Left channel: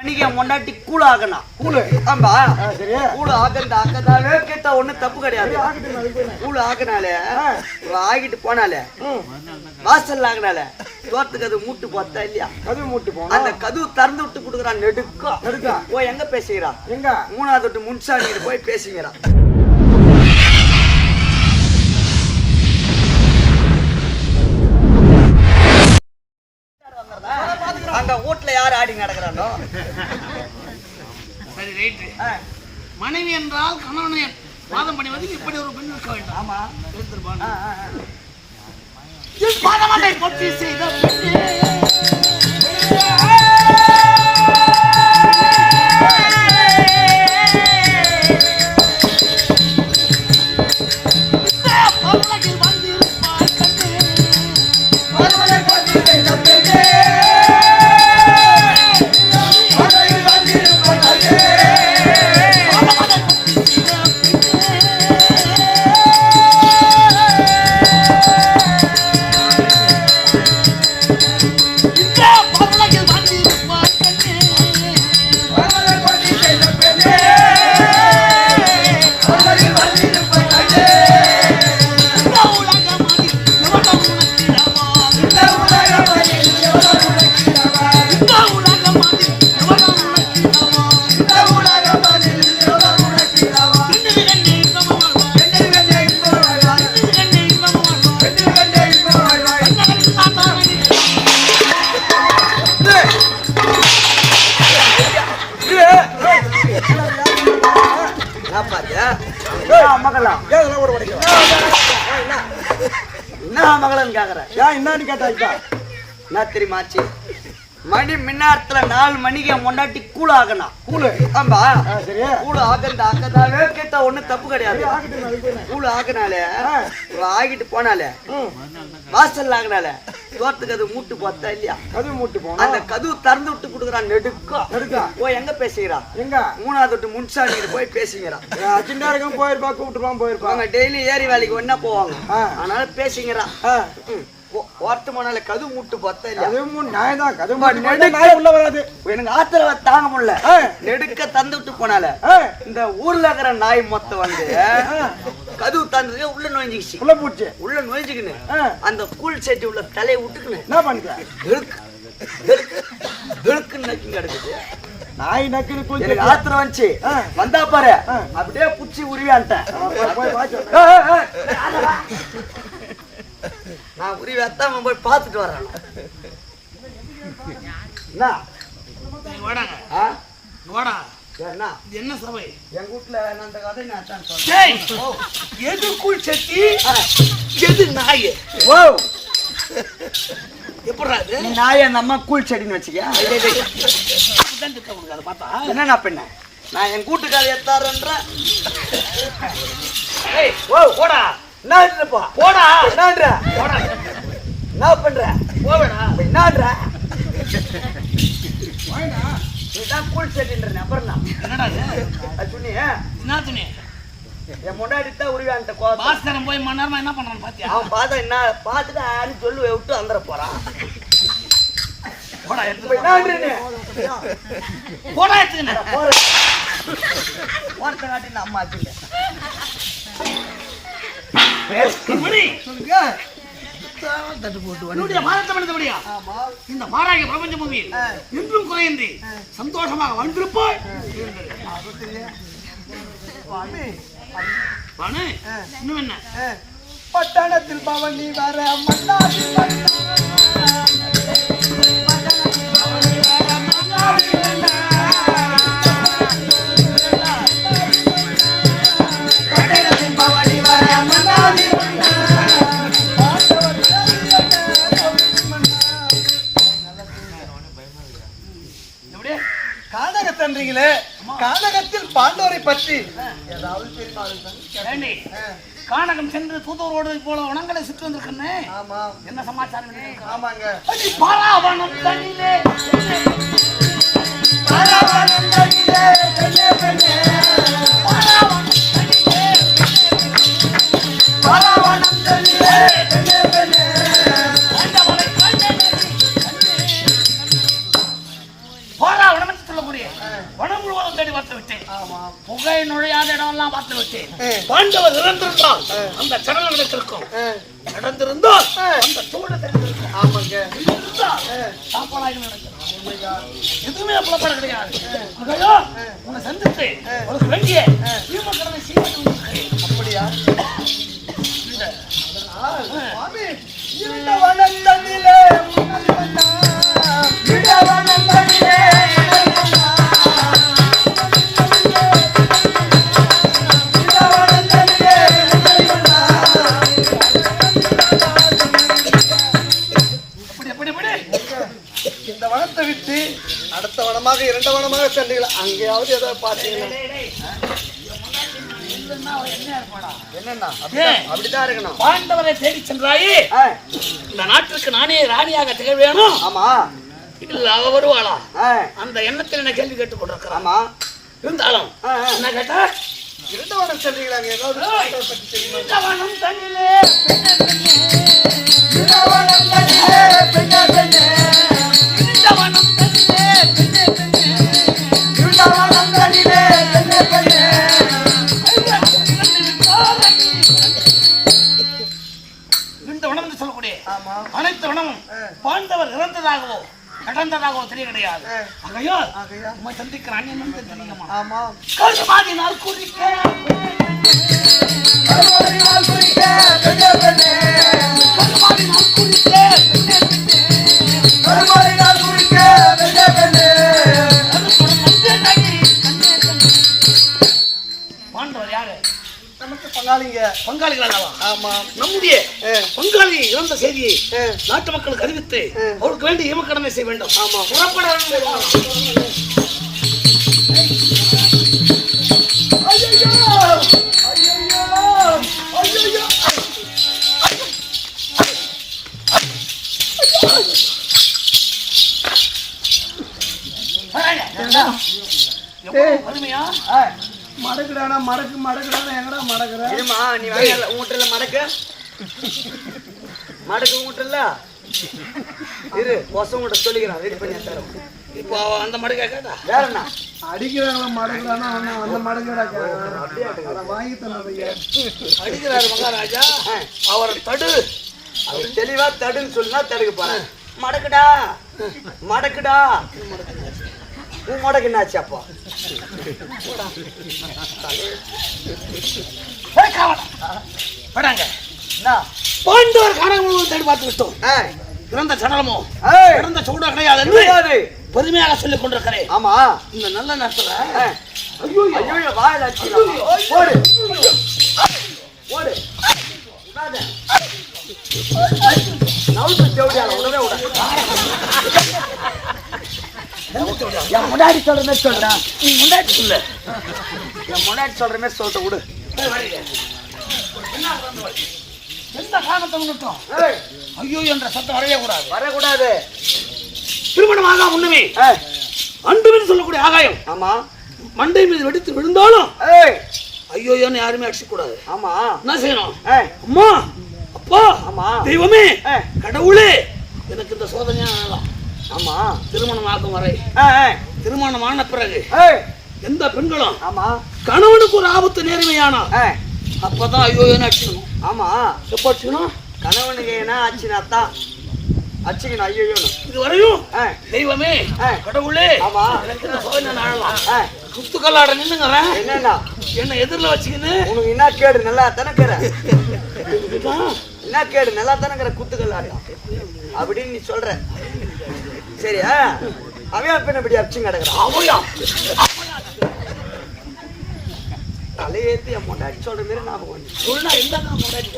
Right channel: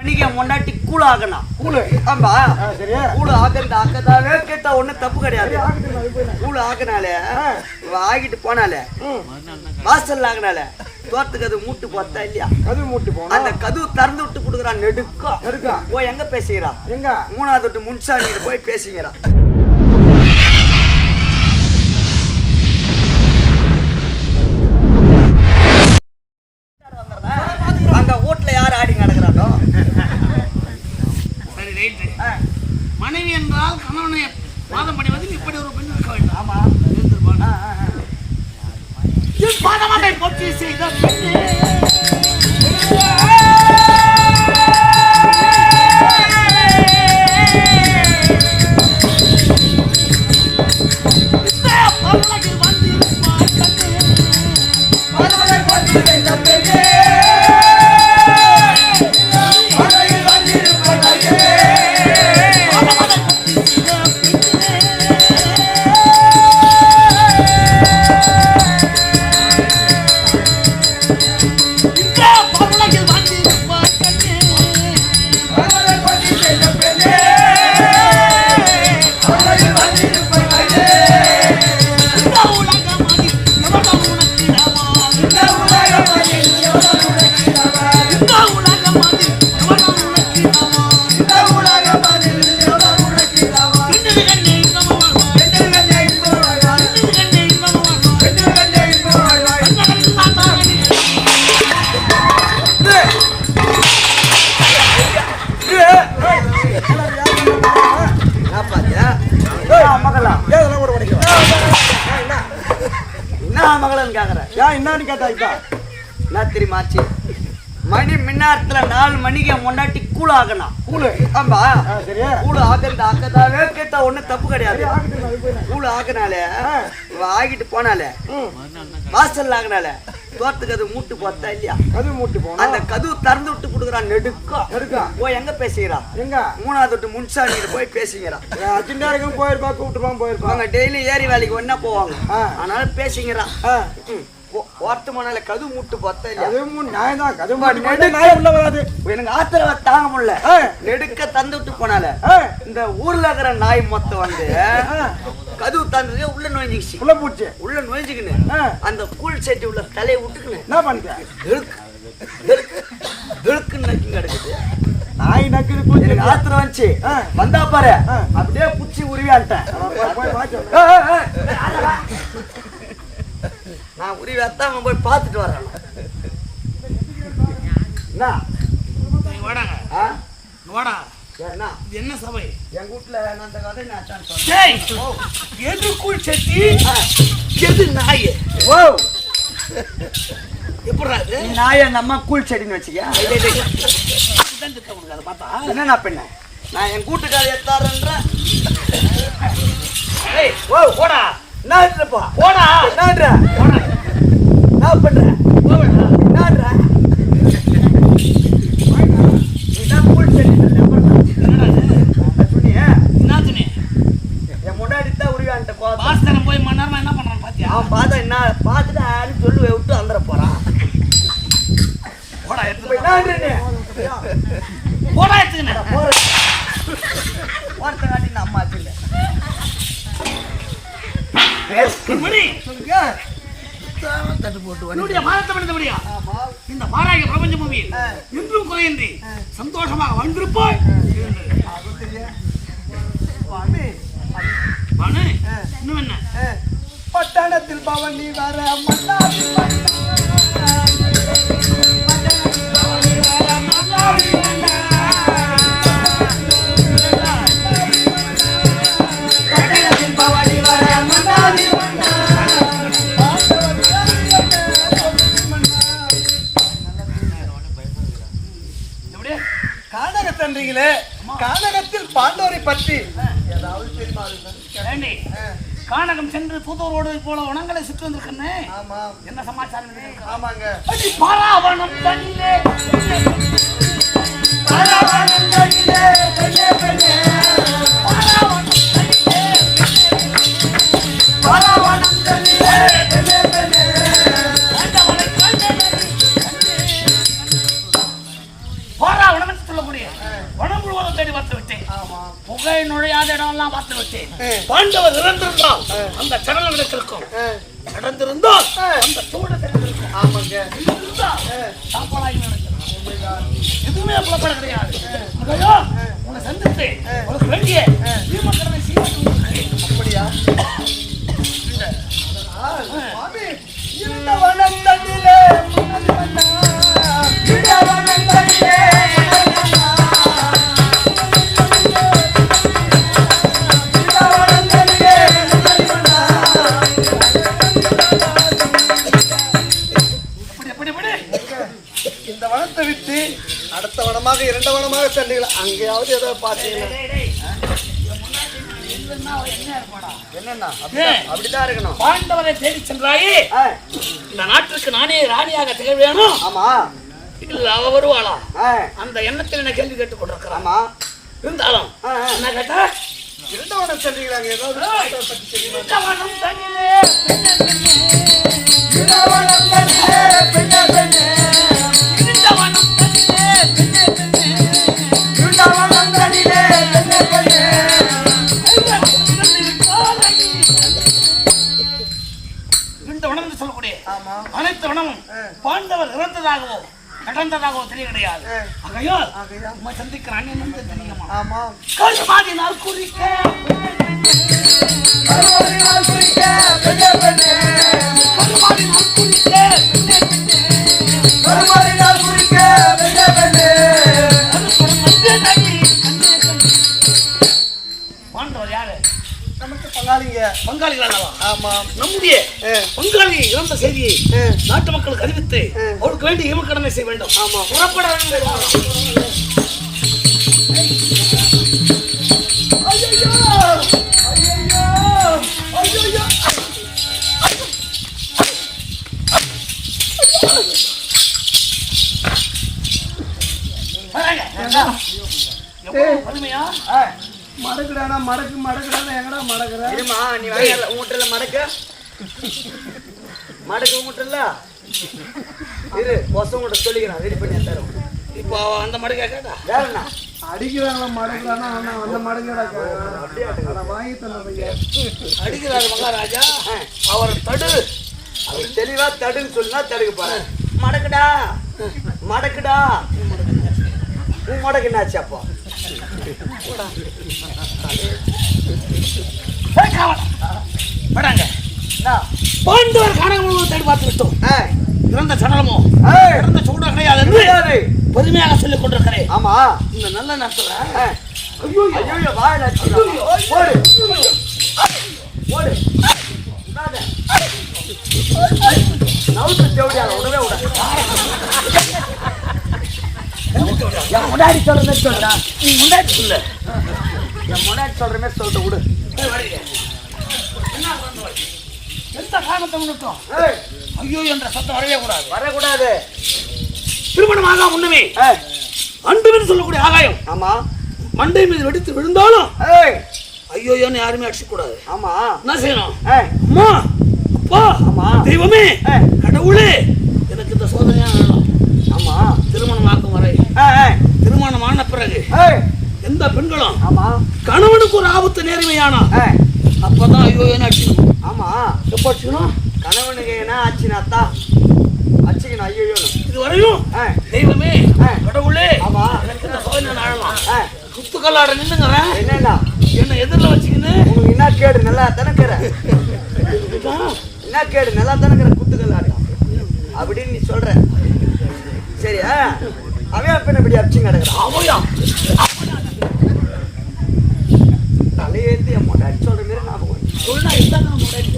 என் முண்டாட்டி கூழ் ஆகணும் கூழு ஆமா. சரி. கூழ் ஆக்கந்த ஆக்கதாவே கேட்டா ஒண்ணும் தப்பு கிடையாது. கூழ் ஆக்கினாலே. ஆகிட்டு போனாலே வாசல் ஆகினாலே தோட்டத்துக்கு அது மூட்டு பார்த்தா இல்லையா? கதவு மூட்டி போனா? அந்த கதவு திறந்து விட்டு கொடுக்குறான் நெடுக்கா. எடுக்கா ஓ எங்க பேசுகிறான் எங்க? மூணாவது விட்டு முன்சாமி போய் பேசுகிறான் அங்க வீட்டுல யார் ஆடி நடக்கிறானோ? ரைட்டு. மனைவி என்றால் கணவனை வாதம் பண்ணுவதில் இப்படி ஒரு பெண் இருக்க வேண்டும். ஆமா. இருந்திருப்பான் பாதமட்டை பொத்தி செய்த பெண்ணே. என்ன மகளன்னு கேக்குற ஏன் என்னன்னு கேட்டா இப்ப? என்ன தெரியுமாச்சு மணி மின்னாரத்துல நாலு மணிக்கு முன்னாடி கூழ் ஆகணும் கூழு ஆமா சரி கூழ் ஆக்கந்த ஆக்கதாவே கேட்டா ஒண்ணும் தப்பு கிடையாது. நான். கூழ் ஆக்கினாலே ஆகிட்டு போனாலே வாசல் ஆகினாலே தோட்டத்துக்கு அது மூட்டு பார்த்தா இல்லையா? கதவு மூட்டி போனா? அந்த கதவு திறந்து விட்டு கொடுக்குறான் நெடுக்கா. எடுக்கா ஓ எங்க பேசுகிறான் எங்க? மூணாவது விட்டு முன்சாமி போய் பேசுகிறான் அச்சிண்டாருக்கும் போயிருப்பா கூப்பிட்டுருப்பான் போயிருப்பான் அவங்க டெய்லி ஏரி வேலைக்கு ஒன்னா போவாங்க. அதனால பேசிக்கிறான் ஆ, ஓர்த்து மணால கதவு மூட்டு பார்த்தா கதவு நியாயம் தான் கதவு மாட்டி நாய் உள்ள வராது. எனக்கு ஆத்திரவ தாங்க முடியல. நெடுக்க தந்து விட்டு போனால இந்த ஊர்ல இருக்கிற நாய் மொத்தம் வந்து கதவு தந்துட்டு உள்ள நுழைஞ்சிக்கிச்சு. உள்ள பூச்சி உள்ள நுழைஞ்சுக்கின்னு ஆ, அந்த கூழ் செட்டி உள்ள தலையை விட்டுக்கின்னு என்ன பண்ணிட்ட திடுக்கு திடுக்கு திடுக்குன்னு நக்கி கிடக்குது. நாய் நக்குது எனக்கு ஆத்திரம் வந்துச்சு. ஆ. வந்தா பாரு. ஆ. அப்படியே புச்சி உருவியான்ட்டேன். நான் உருவி வத்தாம போய் பார்த்துட்டு வரேன். என்ன? இங்க வாடா என்ன? என்ன சபை? எங்க வீட்டுல நான் அந்த கதை நான் டேய் எதுக்குள் செட்டி? எது நாய்? ஓ. எப்படா இது? நாய நம்ம கூழ் செடின்னு வச்சுக்க. உனக்கு அதை பார்த்தா? என்னண்ணா பெண்ண? நான் என் கூட்டுக்கார எத்தாருன்றேன் ஏய் ஓ போடா. என்னன்றப்பா போடா. என்னன்ற போடா. என்ன பண்ற போவேடா. என்னன்ற நீதான் கூழ் செடின்ற நம்பர் நான் என்ன துணி? என் முன்னாடி தான் உருவான்ட்ட போய் மணி நேரமா என்ன பண்றான்னு பாத்தியா? அவன் பார்த்தா என்ன பார்த்துட்டு ஆன்னு சொல்லி விட்டு வந்துட போறான். போடா எடுத்து நீ? போடா எடுத்துக்கின போற ஓரத்தை காட்டி நான் அம்மா மணி சொல்லுங்க. என்னுடைய பாரத்தை மனித முடியா இந்த பாராகிய பிரபஞ்ச பூமியில் என்றும் குறையின்றி சந்தோஷமாக வாழ்ந்திருப்பாய். பானு, இன்னும் என்ன? பட்டணத்தில் பவனி வர மன்னாதி பற்றி. ஏதாவது தெரியுமா கானகம் சென்று தூதரோடு போல உணங்களை சுற்றி வந்திருக்கேன்னு ஆமா. என்ன சமாச்சாரம்? ஆமாங்க. பாராவணம் தனிலே பாராவணம் தனிலே, புகை நுழையாத இடமெல்லாம் பார்த்து விட்டேன். பாண்டவர் இறந்திருந்தால் அந்த சடலம் நடத்திருக்கும் நடந்திருந்தால் அந்த சூட தெரிந்திருக்கும். ஆமாங்க. இருந்தால் சாப்பாடாகி நடக்கும். எதுவுமே புலப்பட கிடையாது. மகையோ உன்னை சந்தித்து உனக்கு வேண்டிய அப்படியா? சுவாமி இந்த வனத்தனிலே மணல் மன்னா வனத்தனிலே அடுத்த வனமாக இரண்டு வனமாக சென்றீங்களா அங்கேயாவது ஏதோ ஏன்? அப்படிதான் இருக்கணும். பாண்டவரை தேடி சென்றாயே. ஆ, இந்த நாட்டிற்கு நானே ராணியாக திகழ வேணும் ஆமா. இல்ல அவ வருவாளா? ஆ, அந்த எண்ணத்தில் என்ன கேள்வி கேட்டுக் கொண்டிருக்கிறான் ஆமா. இருந்தாலும் ஆ, ஆ. என்ன கேட்டா இரண்டு வனம் சென்றீங்களா ஏதாவது. பற்றி தெரியுமா? பெண்ணே பெண்ணே வனத்தனிலே பெண்ணே பெண்ணே அனைத்து வனமும். பாண்டவர் இறந்ததாகவோ நடந்ததாகவோ தெரிய கிடையாது ஆகையா உம்மை சந்திக்கிற அந்நியன் தெரியுமா ஆமா. குறிக்க. கருவறையால் குறிக்க. குறிக்க. பங்காளிங்க. பங்காளிகள் ஆமா. நம்முடைய. பங்காளி இறந்த செய்தியை. நாட்டு மக்களுக்கு அறிவித்து. அவருக்கு வேண்டிய இமக்கடனை செய்ய வேண்டும். ஆமா. புறப்பட வேண்டும். மடக்குடானா மடக்கு மடக்குடானா எங்கடா மடக்குற இருமா நீ வரையல உங்கள்கிட்ட மடக்கு மடக்கு உங்கள்கிட்ட இரு கொசம் உங்கள்கிட்ட சொல்லிக்கிறேன் ரெடி பண்ணி தரோம். இப்போ அந்த மடுக்க கேட்டா? வேற என்ன? அடிக்கிறாங்களா மடக்குறானா அந்த மடக்குடா அட வாங்கி தந்த பையா அடிக்கிறாரு மகாராஜா. அவர் தடு. அவர் தெளிவா தடுன்னு சொல்லுனா தடுக்க போறேன் மடக்குடா. மடக்குடா. உன் மடக்கு என்னாச்சு அப்போ. வராங்க? பாண்டவர் காணகம் தேடி பார்த்து விட்டோம். இறந்த சடலமோ இறந்த சூட கிடையாது. பெருமையாக சொல்லிக் கொண்டிருக்கிறேன். ஆமா. இந்த நல்ல நேரத்துல. ஐயோ ஐயோ வாயில போடு விடாத. நவுத்து விடாது என் முன்னாடி சொல்ற மாதிரி சொல்றேன் நீ முன்னாடி சொல்லு. என் முன்னாடி சொல்ற மாதிரி சொல்லிட்டு விடு? எந்த காரணத்தை முன்னிட்டோம்? ஐயோ என்ற சத்தம் வரவே கூடாது வரக்கூடாது. திருமணமாக முன்னமே? ஏய், அண்டு மீது சொல்லக்கூடிய ஆகாயம். ஆமா. மண்டை மீது வெடித்து விழுந்தாலும் ஐயோயோன்னு யாருமே அடிச்சக்கூடாது. ஆமா. என்ன செய்யணும்? அம்மா அப்பா ஆமா. தெய்வமே கடவுளே எனக்கு இந்த சோதனையா வேணாம். ஆமா. திருமணம் ஆகும் வரை. திருமணம் ஆன பிறகு எந்த பெண்களும் ஆமா. கணவனுக்கு ஒரு ஆபத்து நேர்மையானா அப்பதான் ஐயோயோன்னு அடிச்சுக்கணும் ஆமா. எப்ப அடிச்சுக்கணும் கணவனுக்கு என்ன ஆச்சுன்னா தான். அச்சுக்கணும் ஐயோன்னு. இது வரையும் தெய்வமே. கடவுளே ஆமா. எனக்கு இந்த சோதனை ஆழலாம். ஏய், குத்துக்கல்லாட நின்னுங்கிறேன். என்னண்ணா? என்ன எதிரில் வச்சுக்கின்னு. உனக்கு என்ன கேடு நல்லா இதுதான். என்ன கேடு நல்லா தானேக்கிற குத்துக்கள் ஆட்டம் அப்படின்னு நீ சொல்ற. சரியா அவன் பின்ன இப்படி அடிச்சு கிடக்குறான் அவயா தலையேத்தி என் முன்னாடி சொல்ற மாதிரி நான் சொன்னா இதுதான் நான் முன்னாடி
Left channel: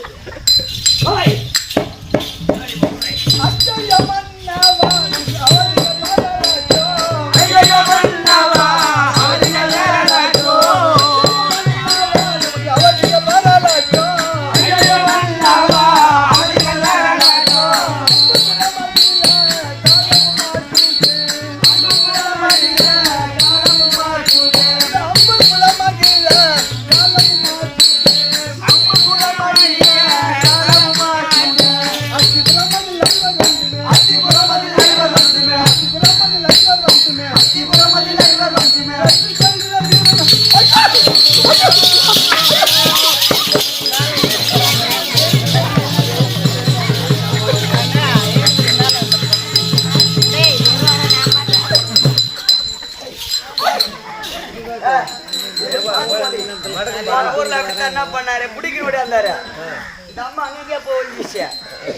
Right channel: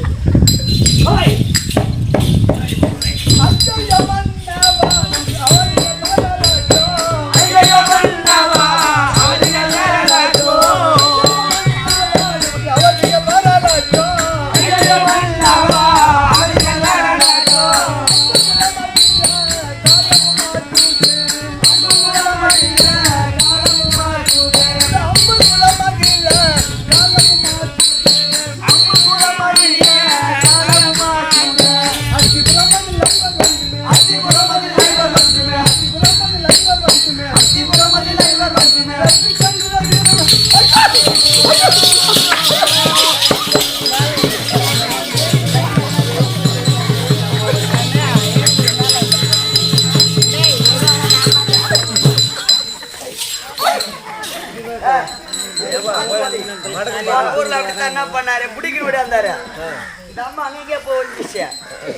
போன என்ன பண்ணாரு? பிடிக்க விடாந்தாரு இந்த அம்மா அங்கங்கே போச்சு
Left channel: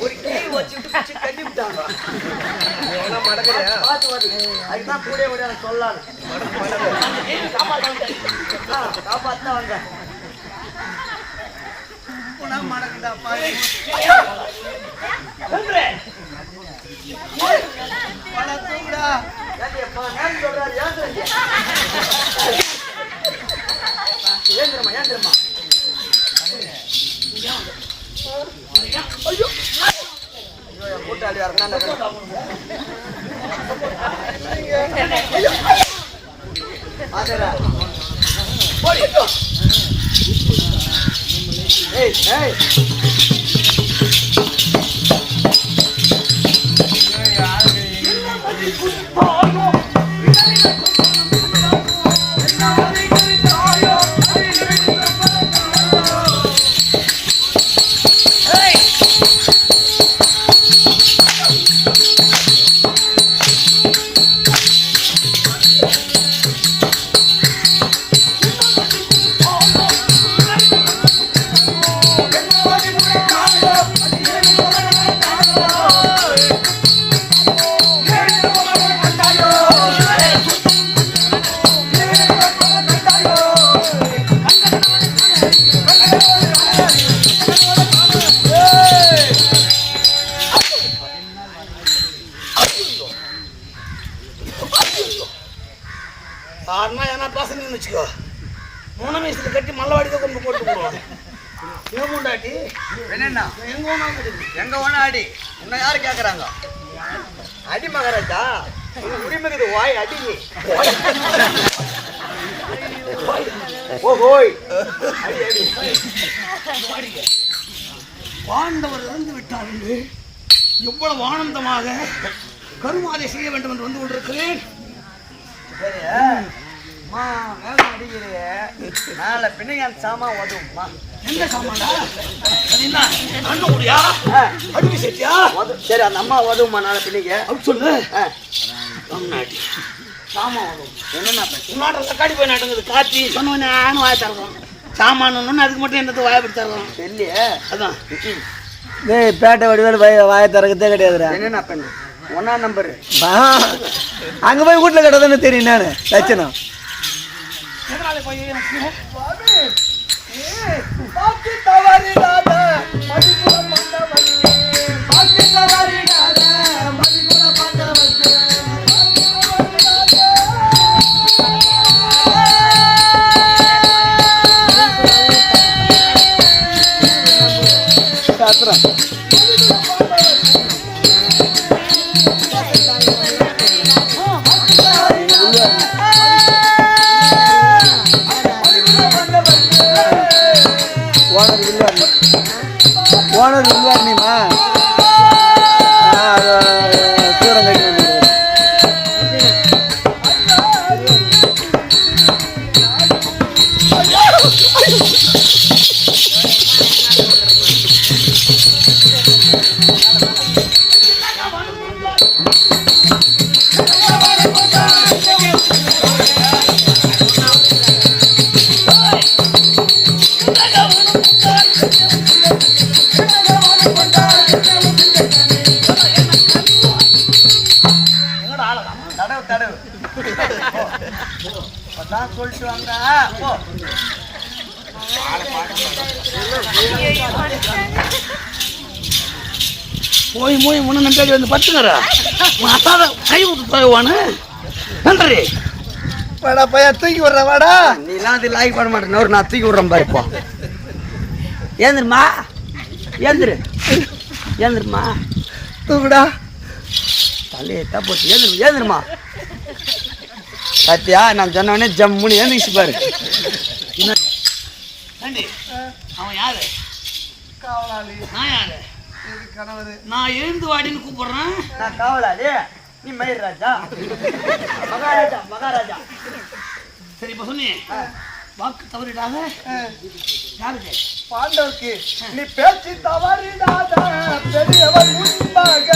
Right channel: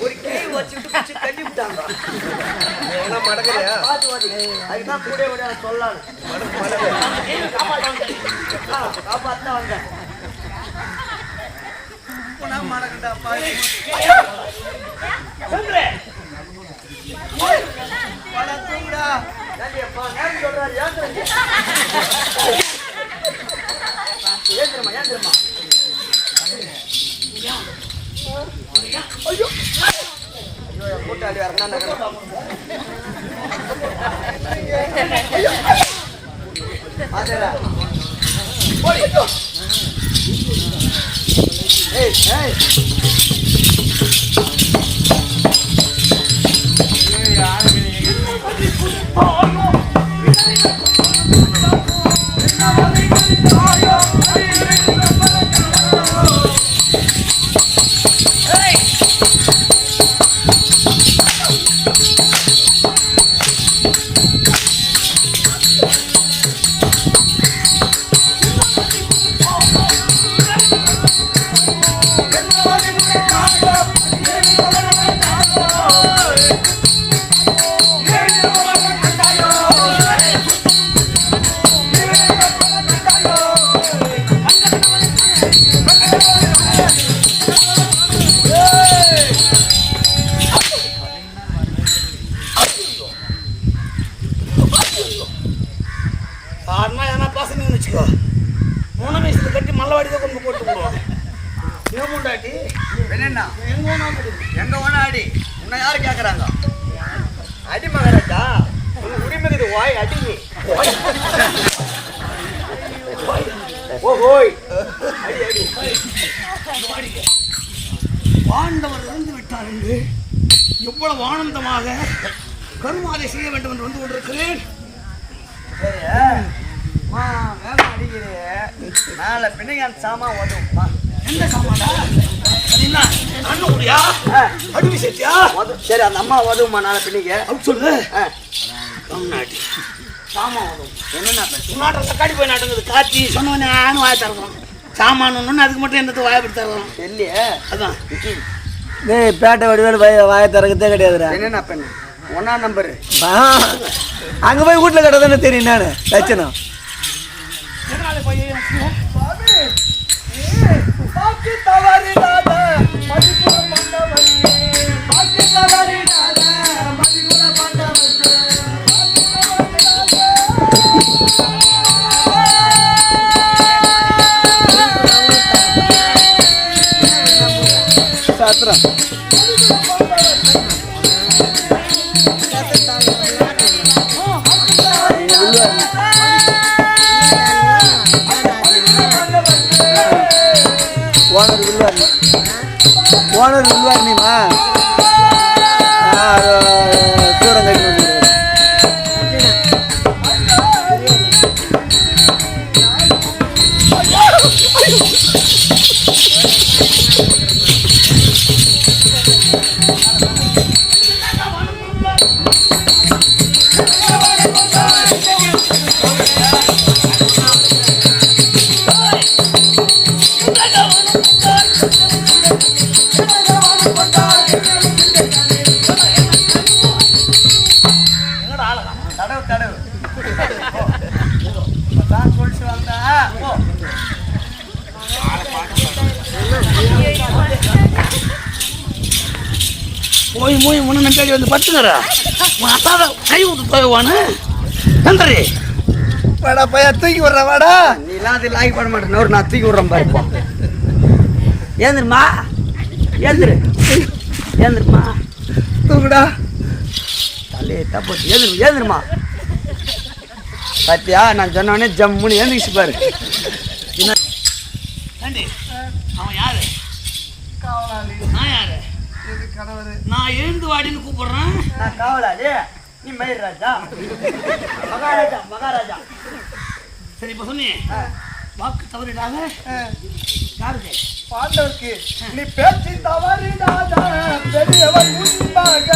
ஒரு கீ வச்சுட்டு பிடிச்சி கட்டி விட்டாங்க. பார்த்து பார்த்து. அதுதான் கூட விட சொல்லலாம் காப்பாற்ற வந்தேன். காப்பாத்தான் வந்தேன் சொல்றாரு ஏன் தெரியுமா? ஏன் தெரியுமா? ஐயோ. ஐயோ என் கூட்டாளி வரணும் ஆதரா ஏய் ஏய் ஏய், மூணு வயசுல கட்டி மல்லவாடிதான் கொண்டு போட்டு போடுவான் ஏன் முண்டாட்டி என்னண்ணா எங்க கிடையாது எங்க வேணா அடி உன்னை யாரு கேக்குறாங்க? அடி மகாராஜா உரிமைக்குது வாய் அடி. ஓ ஓய். அடி அடி. பாண்டவர் இறந்து விட்டார் என்று எவ்வளவு ஆனந்தமாக கருமாதை செய்ய வேண்டும் என்று வந்து கொண்டிருக்கிறேன். சரி மா வேலை அடிக்கிறியே நாளை பின்னுங்க சாமான் உதவும்மா எந்த அது என்ன அண்ணன் முடியா சேர்த்தியா உதவு சரி அந்த அம்மா உதவுமா நாளை பின்னுங்க. அப்படி சொல்லு. தமிழ்நாட்டு சாமான் என்னண்ணா நாட்டில் தக்காளி போய் நாட்டுங்கிறது காத்தி சொன்னவனே ஆணும் வாய தரணும் சாமான் அதுக்கு மட்டும் என்னத்தை வாயப்படி தரணும் இல்லையே அதான். டேய் பேட்டை வடிவேல் வாய வாய திறக்கத்தே கிடையாதுடா. என்னண்ணா பண்ணு? ஒன்னா நம்பரு. அங்க போய் வீட்டுல கட்டதானே தெரியும் நானு. லட்சணம். எதனால போய் எனக்கு பாக்கி தவறிடாத மதிக்குல பண்ணவனே பாக்கி தவறிடாத மதிக்குல பண்ணவனே சாத்திரம். ஓனர் வில்வார் நீமா போய் போய் முன்ன நம்பி வந்து பட்டுக்கிற உன் அத்தாத கை ஊத்து தருவானு நன்றி. வாடா பையா தூக்கி விடுற வாடா. நீலாம் அது லாய்க் பண்ண மாட்டேன் ஒரு நான் தூக்கி விடுறேன் பாரு இப்போ ஏந்திருமா ஏந்திரு. ஏந்திருமா தூக்குடா. தலையை தப்பு ஏந்திரு ஏந்திருமா பாத்தியா நான் சொன்னோடனே ஜம்முன்னு ஏந்திரிச்சு பாரு. அவன் யாரு? காவலாளி. நான் யாரு? கணவர். நான் எழுந்து வாடின்னு கூப்பிடுறேன். நான் காவலாளி. நீ மயிர் ராஜா. மகாராஜா மகாராஜா. சரி இப்ப சொன்னி. வாக்கு தவறிடாத. யாருக்கு? பாண்டவருக்கு. நீ பேச்சு தவறிடாத. பெரியவன் முன்பாக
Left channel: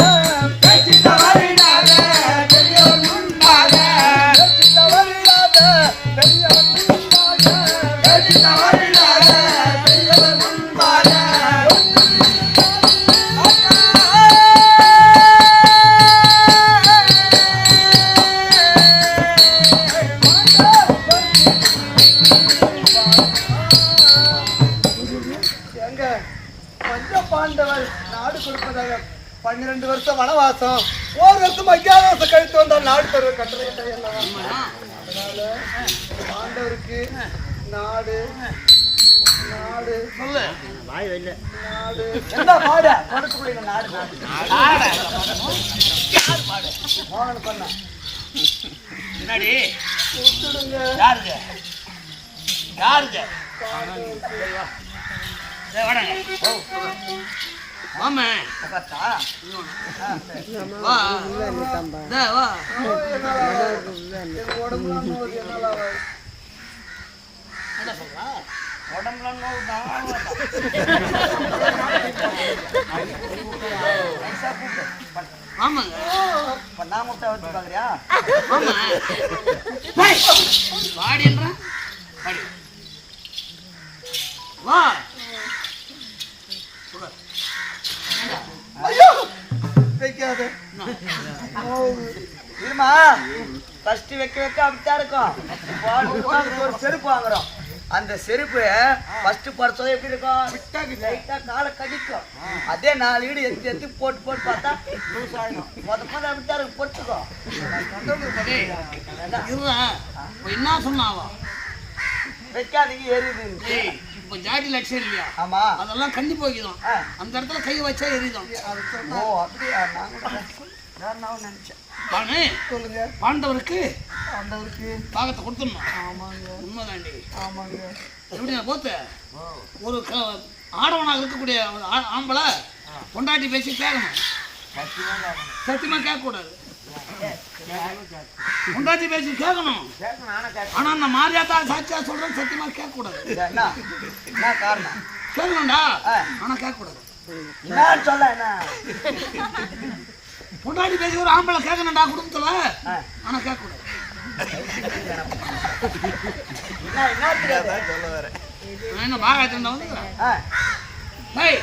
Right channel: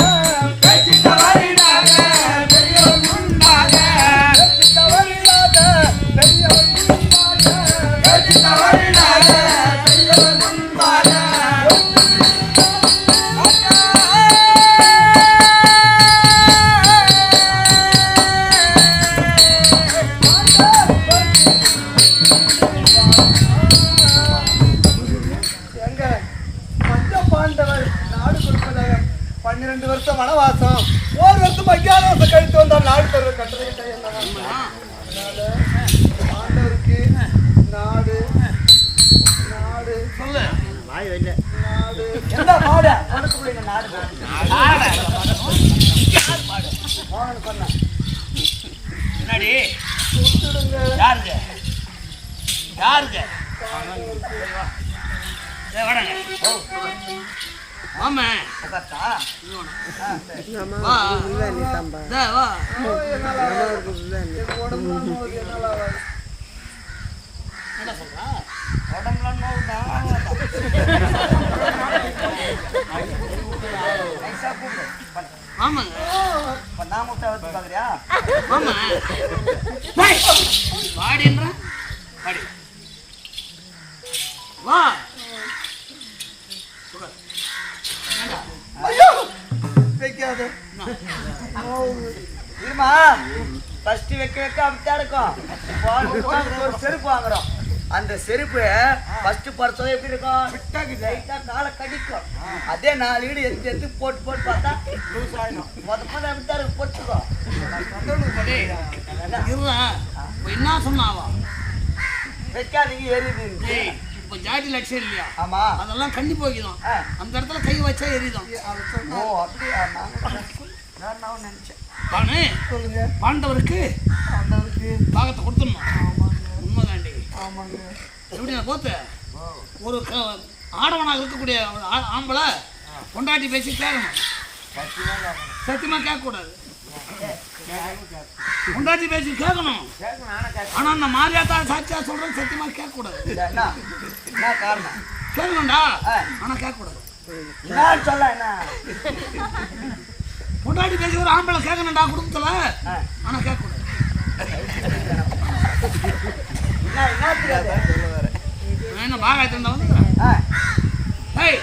பேச்சு தவறிடாத. உடம்புலாம் நோவுது, என்னால ஆகாது. என்ன சொல்றா? உடம்புல நோவுதான் நைஸா கூப்பிடு பண்ண- வாமாங்க. பண்ணா பாக்குறியா வாடி. வா. உட்காரு. ஏண்டா? ஐயோ வைக்காத. இருமா? ஃபர்ஸ்ட் வைக்க வைக்க அப்படித்தான் இருக்கும். ஒரு செருப்பு வாங்குறோம். அந்த செருப்பு ஃபர்ஸ்ட் பறிச்சது எப்படி இருக்கும்? லைட்டா காலை கடிக்கும். அதே நாலு வீடு எடுத்து எடுத்து போட்டு போட்டு பார்த்தா லூஸ் ஆயிடும். மொத மொதல் அப்படித்தான் இருடா. இப்ப என்ன சொன்னாவா? வைக்காதீங்க எரியுது. இப்ப ஜாடி லட்சம் இல்லையா? ஆமா. அதெல்லாம் கண்ணி போய்க்குதான் ஆ. அந்த இடத்துல கை வச்சா எரியுதான் ஓ அப்படியா? நான் நினைச்சேன். பானு சொல்லுங்க. பாண்டவருக்கு ஆண்டவருக்கு பாகத்தை கொடுத்துடணும்? ஆமாங்க. உண்மைதாண்டி. ஆமாங்க. எப்படி நான் போத்து ஒரு ஆடவனாக இருக்கக்கூடிய ஆம்பளை பொண்டாட்டி பேசி கேட்கணும் சத்தியமா கேட்கக்கூடாது. பொண்டாட்டி பேசி கேட்கணும். ஆனா அந்த மாரியாத்தா சாட்சியா சொல்றேன் சத்தியமா என்ன காரணம்? கேட்கணும்டா. ஆனா கேட்கக்கூடாது. என்ன சொல்ல என்ன? பொண்டாட்டி பேசி ஒரு ஆம்பளை கேட்கணும்டா குடும்பத்துல. ஆனா கேட்கக்கூடாது. என்ன என்ன பாகாயத்துல இருந்தா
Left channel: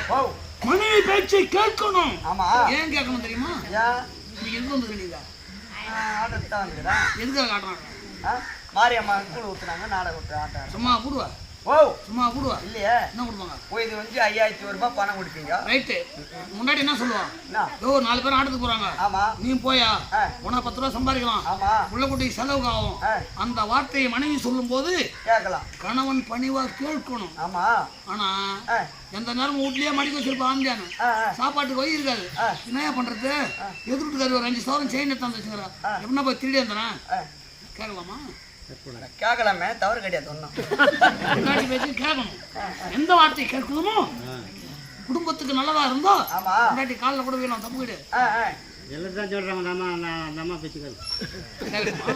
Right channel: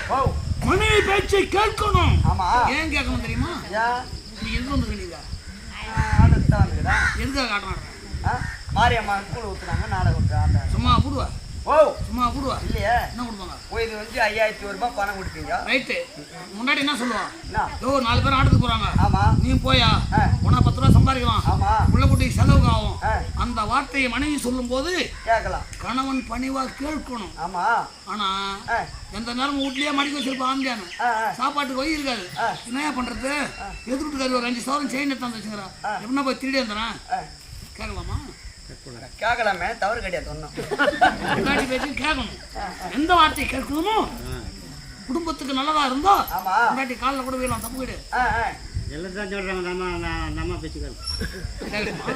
ஓ. மனைவி பேச்சை கேட்கணும். ஆமா. ஏன் கேட்கணும் தெரியுமா? ஏன் நீ எதுக்கு ஆர்டர் தான் எதுக்காக காட்டுறாங்க ஆ? மாரியம்மா கூழ் ஊத்துனாங்க நாடகம் விட்டு ஆட்டாங்க சும்மா போடுவா ஓ. சும்மா போடுவா இல்லையே. என்ன கொடுப்பாங்க? ஓ இது வந்து ஐயாயிரத்தி ஒரு ரூபாய் பணம் கொடுப்பீங்க? ரைட்டு. முன்னாடி என்ன சொல்லுவான் என்ன? யோ நாலு பேர் ஆட்டத்துக்கு போறாங்க. ஆமா. நீ போயா? ஆ. உனா பத்து ரூபா சம்பாதிக்கலாம். ஆமா. புள்ள குட்டிக்கு செலவுக்கு ஆகும். அந்த வார்த்தையை மனைவி சொல்லும்போது கேட்கலாம். கணவன் பணிவா கேட்கணும். ஆமா. ஆனா எந்த நேரம் வீட்லயே மடிக்க வச்சிருப்பான் ஆம்பியானு ஆ ஆ. சாப்பாட்டுக்கு வழி இருக்காது. ஆ. என்னையா பண்றது? எதிர்ட்டுக்காரு ஒரு அஞ்சு சவரம் செயின் எடுத்து வச்சுக்கிறா எப்படின்னா போய் திருடி வந்தனா ஆ. கேட்கலாமா? கேட்கலாமே தவறு கிடையாது ஒன்றும் கேட்கணும் எந்த வார்த்தையை கேட்கணுமோ குடும்பத்துக்கு நல்லதா இருந்தா ஆமா. முன்னாடி காலில் கூட வீழலாம் தப்பு கிடையாது. எல்லாத்தான் சொல்றாங்க நம்ம நம்ம நம்ம பேச்சுக்கள் கேட்கணுமா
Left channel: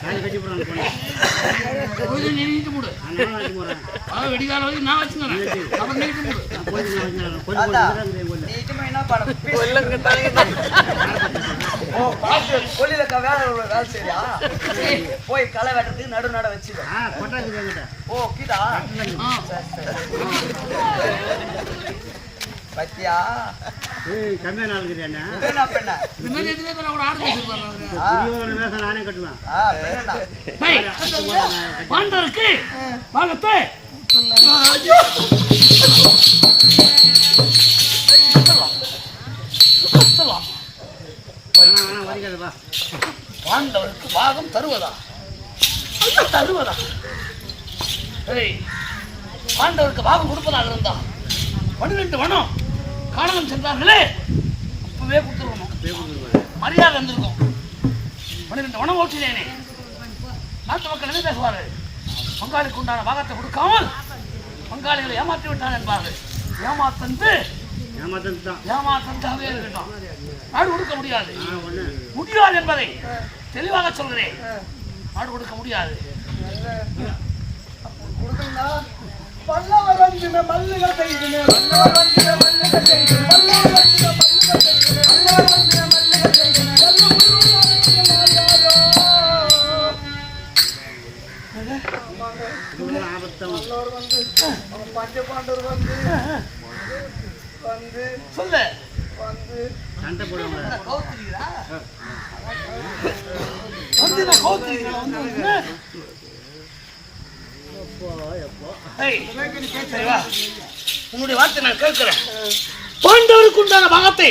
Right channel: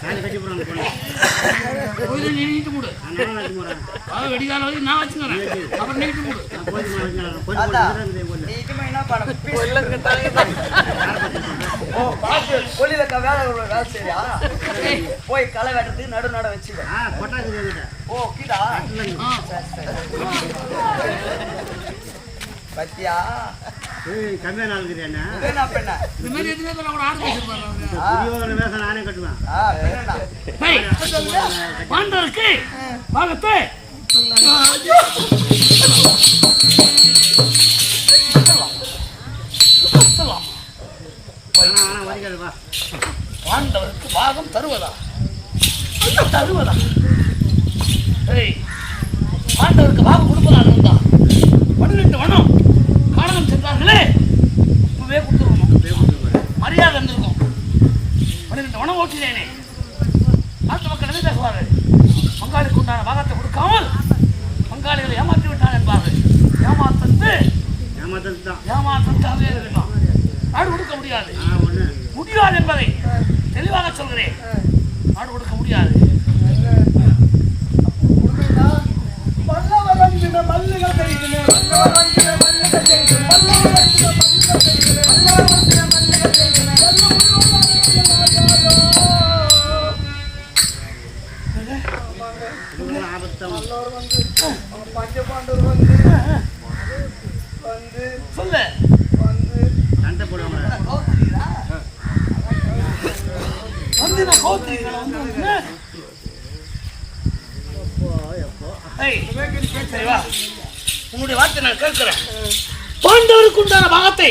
காய் கட்டி போறாங்க போன கோயில நீ நீட்டு மூடு வெடிகால வரைக்கும் நான் வச்சுக்கிறேன். அப்புறம் நீட்டு மூடு என்ன பண்ண ஓ பாத்து கொல்லில வேலை உள்ள வேலை சரியா போய் களை வெட்டுறதுக்கு நடு நட வச்சுக்க. ஓ கீதா? பத்தியா? ஏய் கம்மியான ஆளுங்கிறியா இது என்ன பெண்ணா இந்த மாதிரி எதுவுமே பேர கூட ஆடு பேசிருப்பாரு அவரு ஆ துரியோதன வேஷம் நானே கட்டுவேன் ஆ பெண்ணா ஏய், பாண்டவருக்கு பாகத்தை வரைக்காதுப்பா பாண்டவருக்கு பாகம் தருவதா? ஐயோ, தருவதா? ஏய் பாண்டவருக்கு பாகம் கொடுப்பதாக இருந்தா? பன்னிரெண்டு வனம் காரணம் சென்றார்களே. அப்பவே கொடுத்துருக்கணும். மரியாதை இருந்திருக்கும். பன்னிரெண்டு வனம் ஓட்டினேனே. நாட்டு மக்கள் என்ன பேசுவார்கள்? பங்காளிக்கு உண்டான பாகத்தை கொடுக்காமல் பங்காளிகளை ஏமாற்றி விட்டான் என்பார்கள். ஏமாத்தந்து ஏமாற்றத்தாகவே இருக்கட்டும் நாடு கொடுக்க முடியாது. ஒன்று முடியாது என்பதை தெளிவாக சொல்கிறேன். நாடு கொடுக்க முடியாது. கொடுக்கணும்னா பல்லவர் வந்தின மல்லிகை செய்தின பல்லவர் வந்தின மல்லிகை செய்தின பல்லவர் வந்தின மல்லிகை செய்தின பல்லவர் வந்தின மல்லிகை செய்தின பஞ்சபாண்டவர் வந்து வந்து சொல்லு. வந்து நான் கோத்திரிகளை வந்து உன்னுடைய வார்த்தை நான் கேட்கிறேன் பாண்டவருக்கு உண்டான பாகத்தை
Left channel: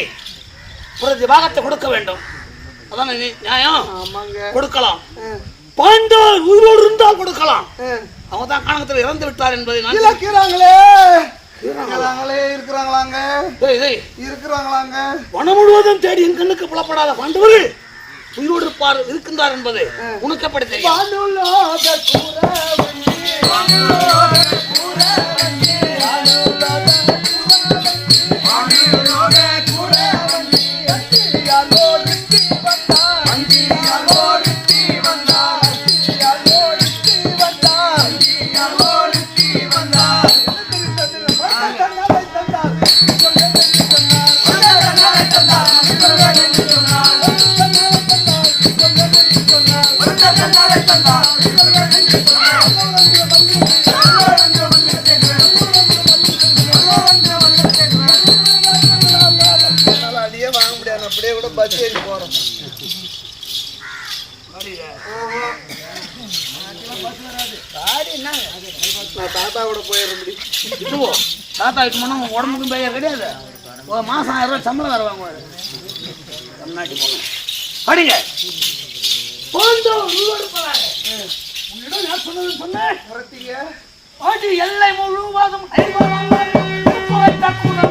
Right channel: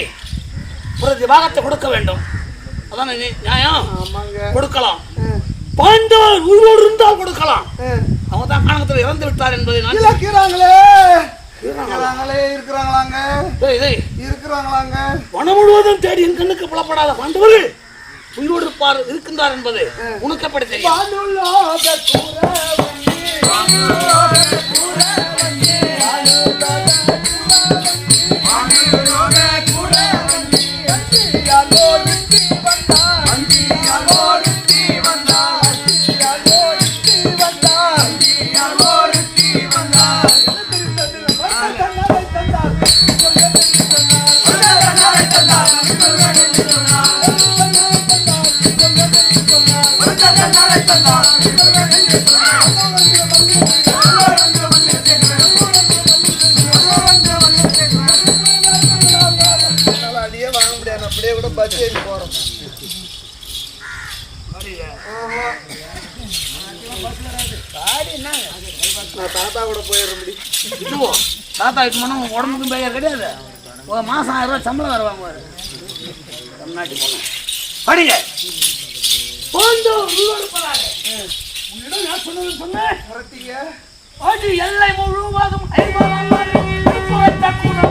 பிரதி பாகத்தை கொடுக்க வேண்டும் அதான் நியாயம் கொடுக்கலாம் பாண்டவர் உயிரோடு இருந்தால் கொடுக்கலாம். அவங்க தான் காணகத்தில் இறந்து விட்டார் என்பதை நான் இருக்கிறாங்களே இருக்கிறாங்களாங்க. இருக்கிறாங்களாங்க. வனம் முழுவதும் தேடி என் கண்ணுக்கு புலப்படாத பாண்டவர்கள் உயிரோடு இருப்பார் இருக்கின்றார் என்பது உனக்கு எப்படி தெரியும்? அப்படியே கூட பஸ் ஏறி போறோம் காடி என்னங்க நான் தாத்தா கூட போயிடுற முடியும் தாத்தா இப்போ போனால் உடம்புக்கும் பெயர் கிடையாது. ஒரு மாதம் ஆயிரம் ரூபாய் சம்பளம் வர வாங்குவார் தமிழ்நாட்டுக்கு போனோம் படிங்க. நான் சொன்னது சொன்னேன் முறத்தீங்க அது எல்லை முழுவதும் கூட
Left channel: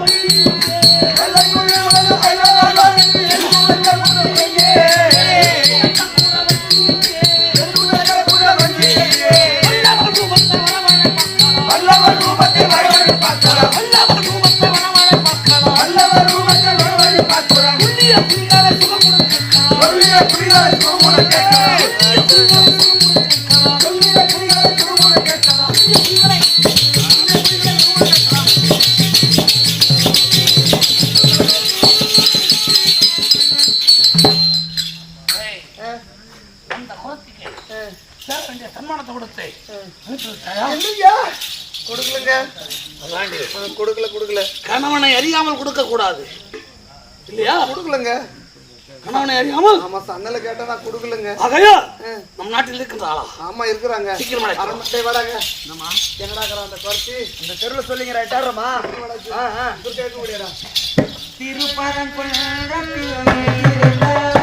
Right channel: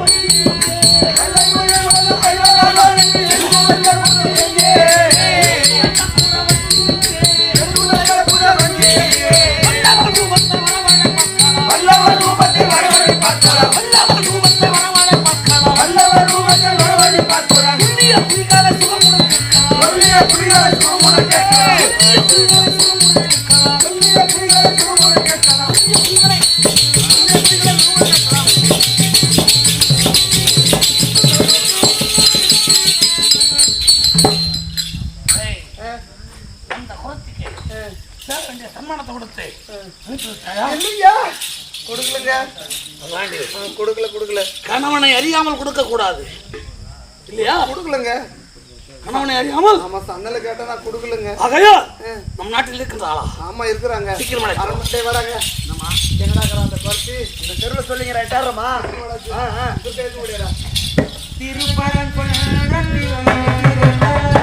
ஆ, கொடுக்கல கொடுக்கல. கணவனை அறியாமல் கொடுக்க கூடாது இல்லையா? கொடுக்கலங்க. கணவனை அறியாமல். ஆமா சன்னல கேட்டா நான் கொடுக்கலங்க. ஆகையால் நம் நாட்டில் இருக்கின்ற ஆளா? ஆமா இருக்கிறாங்க. சீக்கிரம் அழைத்து வா. அரமட்டை வாடாங்க என்னடா அந்த குறைச்சி? இந்த தெருவில் சொல்லிங்க ரைட்டாரமா கேட்க முடியாதா? திருச்சாந்தூரிலே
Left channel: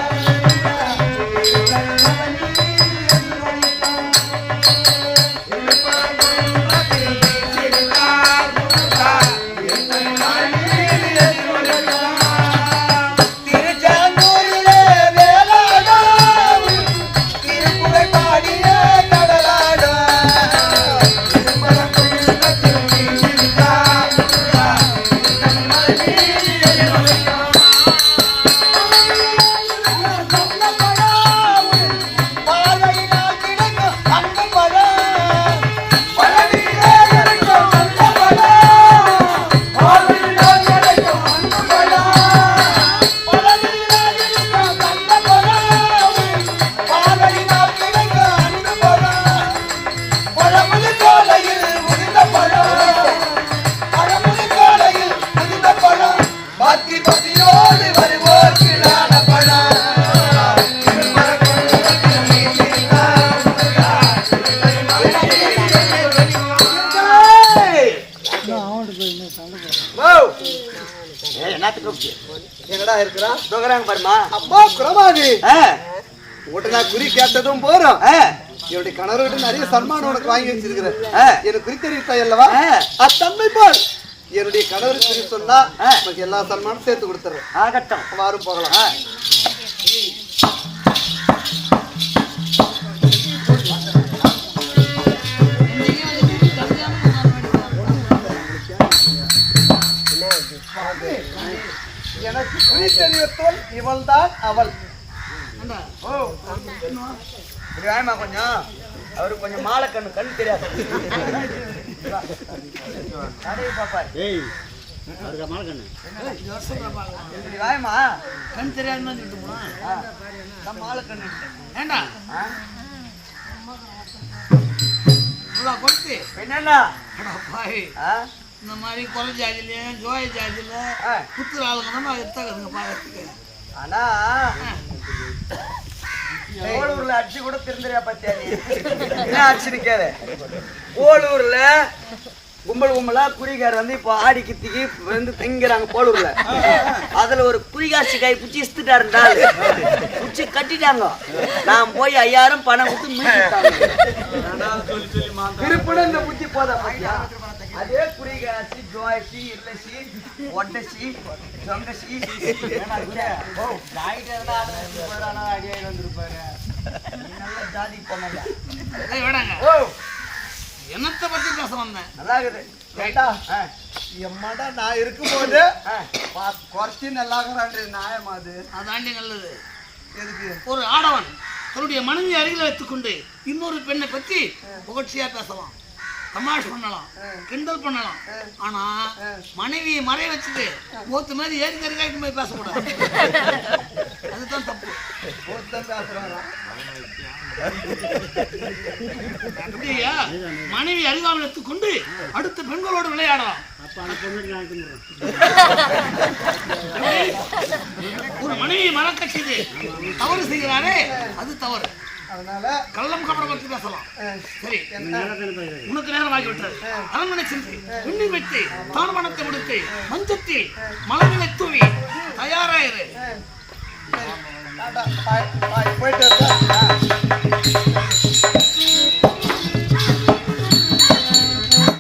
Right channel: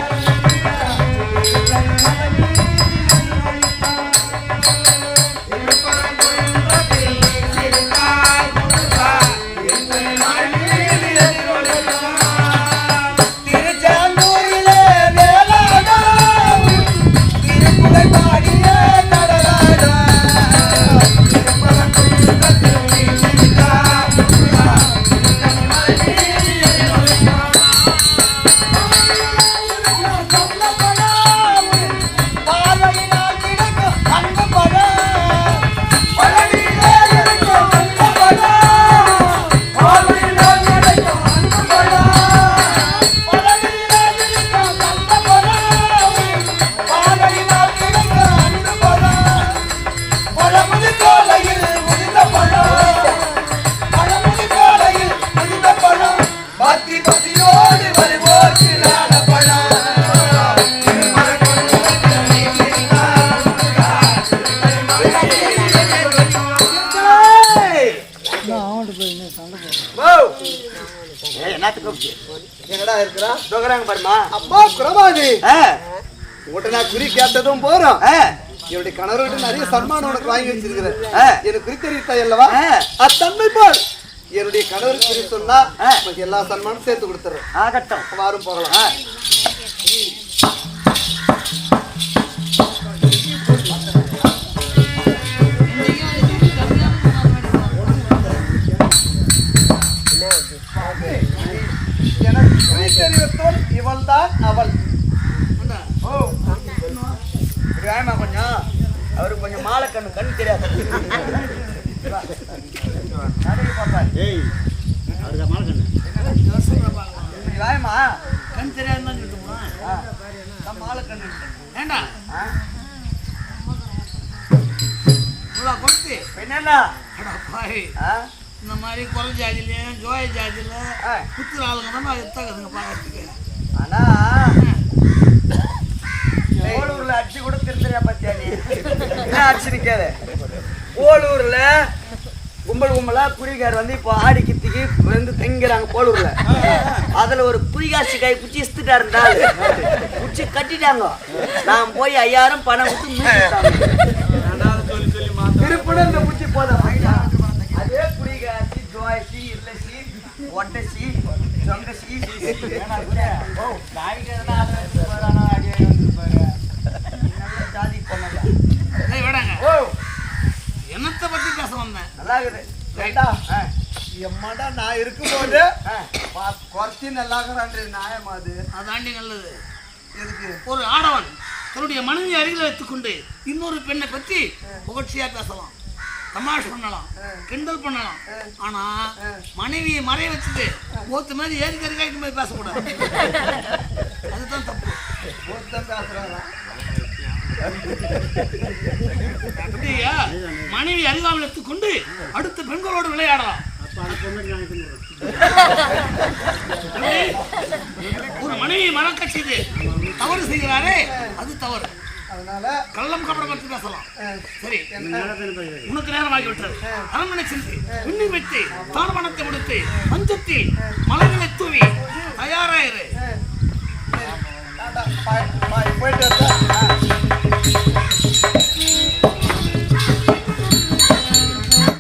நான் குறி கேட்டதும் போறோம். என்னுடைய கணவர் விட்டு நிறைய சன்மானம் உனக்கு வாங்கி வச்சிருக்கிறேன். எனக்கு குறி தெரிவித்தாய் அல்லவா? அத்தன்மை போல். என்னுடைய கணவர் குறி சொன்னா உனக்கு எல்லா சன்மானம் சேர்த்து கொடுத்துறேன். ஆகட்டும் வாரும் போகலாம். எனக்கு குறி தெரிவித்தோல் இவள் தான் அவள். ஓ இப்படி கொஞ்சம் அவருக்கு கொஞ்சம் மாலை கண்ணு கண் தெரியாது பாப்பாரு ஏய் மாலை கண்ணு இப்படி வாயமா கண் தெரியாதுன்னு சொல்லிட்டு மாலை கண்ணு ஏண்டா ஆ. இவ்வளோ கொடுத்து என்னண்ணா பாய் ஆ இந்த மாதிரி குறை ஜாதியிலையும் ஜோய ஜாதியில் ஆ ஆளுங்க தான் நான் எடுத்தாக்குதுங்க பார்க்கறதுக்கு ஆனா ஓலூர்ல அடிச்சு கூட திருந்துறியா பத்தியா நீ? என்ன அடிச்சு நிக்காத? ஓலூர்ல கும்பல் கும்பலா குடிகார் வந்து இப்போ ஆடி கித்திக்கு வந்து தங்கிறாங்க போலூர்ல. அதுல ஒரு குடிகாசி கை பிடிச்சி இஸ்துட்டாருண்டா பிடிச்சி கட்டிட்டாங்க. நான் போய் ஐயாயிரம் பணம் கொடுத்து மீட்டுட்டாங்க. திருப்பணம் இந்த பிடிச்சி போத அதே குடிகாசி ஜோயசி இல்லசி ஒட்டசி சொங்கசி நல்ல ஜாதி பொண்ணல வேடாங்க. ஓ. என்னத்தை பத்தி பேச வந்தேன்? நல்லா இருக்குது. எம்மாடா நான் இருக்கும்போது குறைச்சி நல்லாகிறான்றது நியாயமா அது? அதாண்டி நல்லது. எதுக்கு? ஒரு ஆடவன் தன்னுடைய மனைவி அருகில் வைத்துக்கொண்டு இன்னொரு பெண்ணை பத்தி புகழ்ச்சியா பேசலாம். தமாஷ் பண்ணலாம். கிண்டல் பண்ணலாம். ஆனா மனைவியை மறைய வச்சுட்டு மூத்த மாதிரி ஏறி கறிக்காயிட்டு போய் பேசக்கூடாது. அதுதான் தப்பு. ஒருத்தன் பேசுறாரா? எப்படியா மனைவி அருகாமல் எடுத்துக்கொண்டு அடுத்த பெண்களோடு விளையாடலாம்? ஒரு மனைவி மறக்க செய்து தவறு செய்கிறாரே அது தவறு. அதனால கள்ளம் கபடம் பற்றி பேசலாம். சரி. உனக்கு நேரமாகி விட்டது அரண்மனை சென்று விண்ணீர் வைத்து தாழ்வனத்தை முடித்து மஞ்சத்தில் மலர்களை தூவி தயாராயிரு. போயிட்டு